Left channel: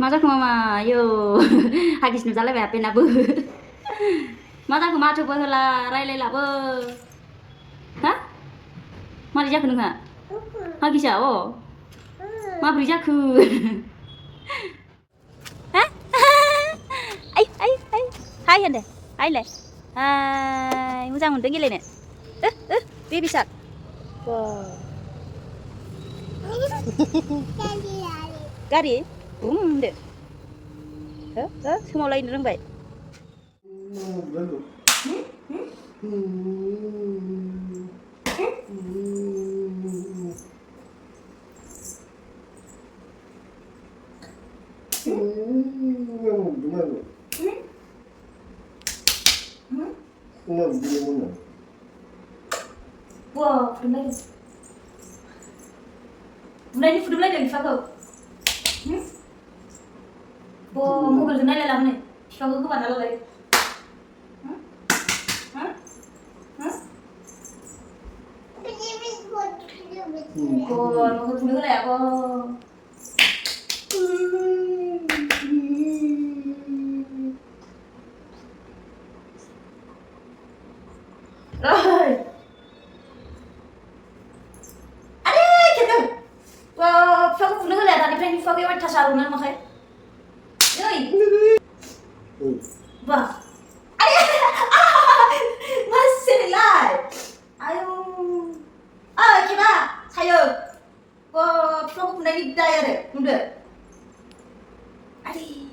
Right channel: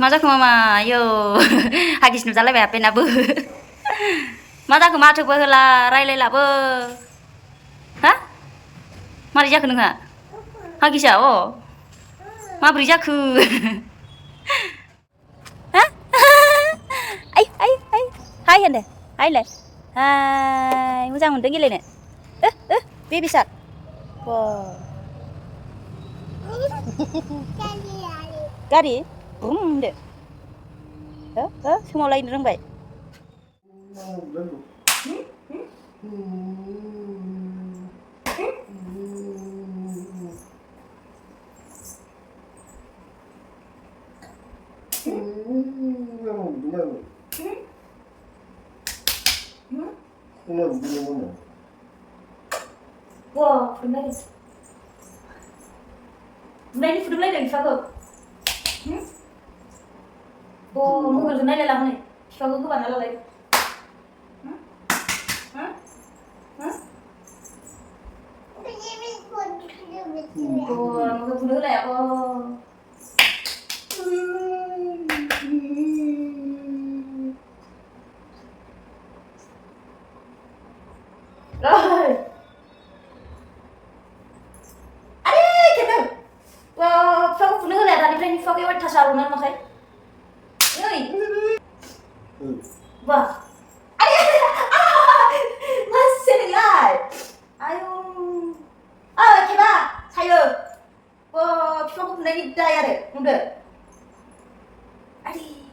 मा जाखो मामा आयौ हागिस नुजालायबाय आपेनाबो मा जाखो माथोबो होला रायलायलाबो हा मारै जाखो नोंहा हागिसा अ माब्रै जाखो हा आइ आइ आइ हाय होनदो हायलाय हाय मोजां मोनदों गेलेनो बेबि सार गारि बुम होनदो सोमावलायनो रोंबाय Wow, fudumlaydों बुनायनि फुदुंलायदों बिफाखौ मबाइलजों नायलायला हनै बिफाखौ गोबाना लालाय नोंखौ बुनो होलाया बिफाखौ बुनो होलाया दानिफ्रायनो बिफाखौ अयथासार रंनानै माखाय Wah, masih nilai. Ayo, coba saya. Wah, kita pun dari daya deh, muda. Adi,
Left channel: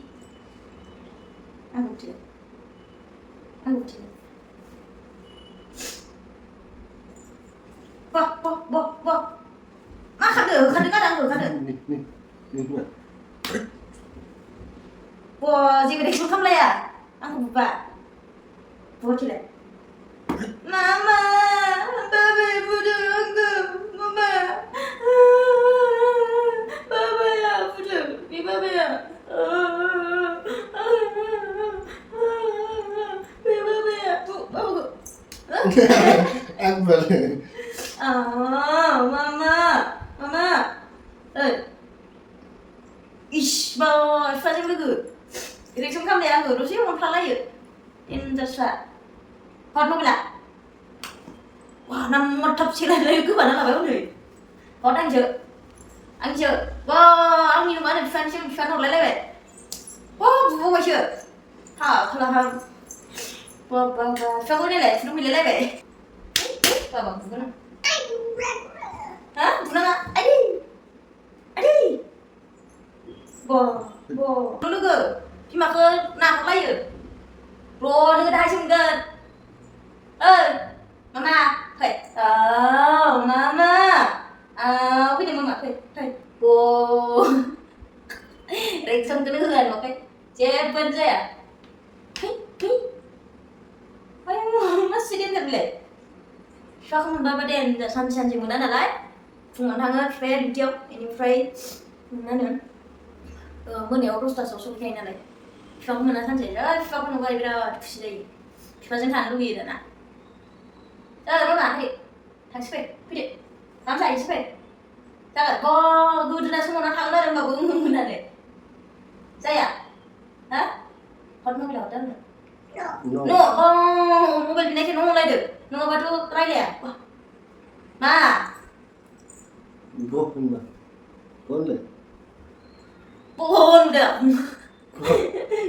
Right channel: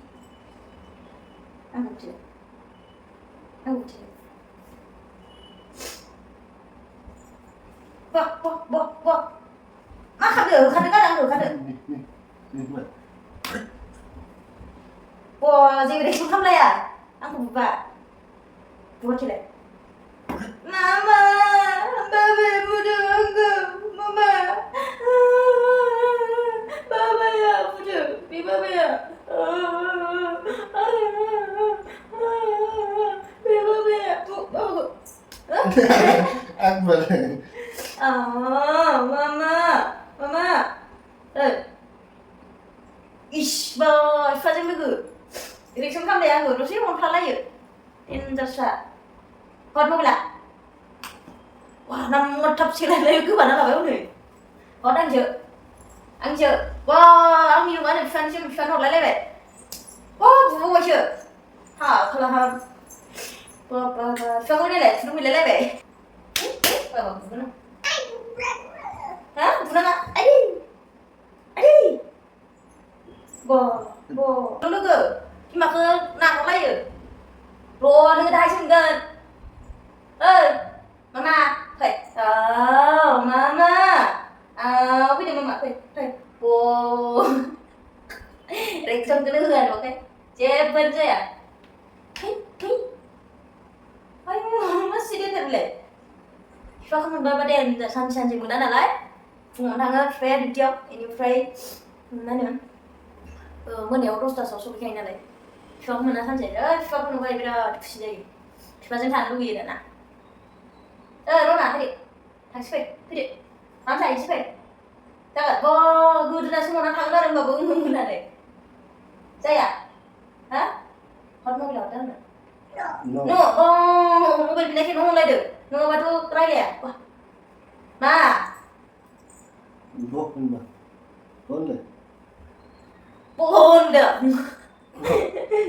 aku cek. Wah. Kadang. Wah, jadi dia kamu lah ya? Aku buka. Buka cile. Mama, baby butuh aku. Mama, baba ya butuh. Baba ya. Baba ya. Baba. Akbar. Mama. Ish, boy, fazem logo. Direksi kamu deh aku, terus mau pelan lagi. Intersa. Hot mobil lah. Wah, nomor top sih lagi ke mana lah baru nih. Hot angjo. Wah, ang minum mana? Fan hot lele. Wah, bubu macam. Kalau ham. Fan hot lele, film lele be. Apa bubu na? Hah? Bubu na? Adi. Bo. Tunggu ke? Cuma ke nak lagi. Bro, nggak ada sih nggak. Mama, hey. Mama. Apa dia mama? Hey. Bo. Reksom kena kan, oke? Cepat saya. Hey. Ayo, masih dia terbelah. Siapa bapa dia santai muda nalai. Fungsi tangan fair dia ini fair mana? Monoयाव दसथासोआव सफैखायो नालाय बिफाखौ मोना सानसे बिफाखौ नुबाय बिराद खुसि जायो बिफाजों थानो लुगैयो दाना रना फैदो मानो जाहैसै फै जागोन गोदोना समावना थांनो आरो होमबाबो होननानै जाया हा हट मबाइल हरदो आंनो मबाइल बिनायखाय न' होनलायदो नङाबाथ' रायलाया मा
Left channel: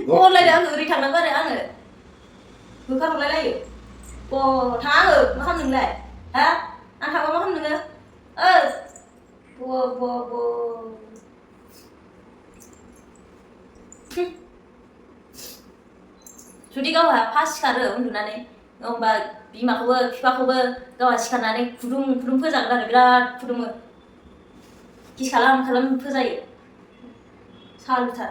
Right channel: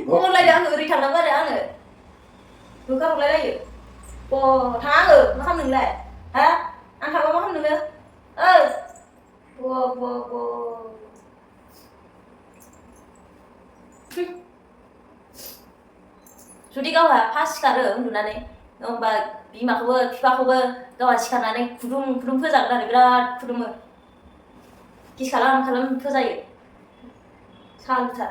Bonलायदो आङो ओरै थांनांगौ आरो आङो होखारहरलायलायो थाङा आङो मा खालामनो नोंलाय हा आं थांबा मा खालामनो नोङो जुदि गावहा फार्स्ट सिखारो उन्दुनानै होमबा बिमाखौबो बिफाखौबो गावहा सिखारनानै खुदुम फोजागोन आरो बिराद खुदुमो किस खालाम फोजायो सालुथार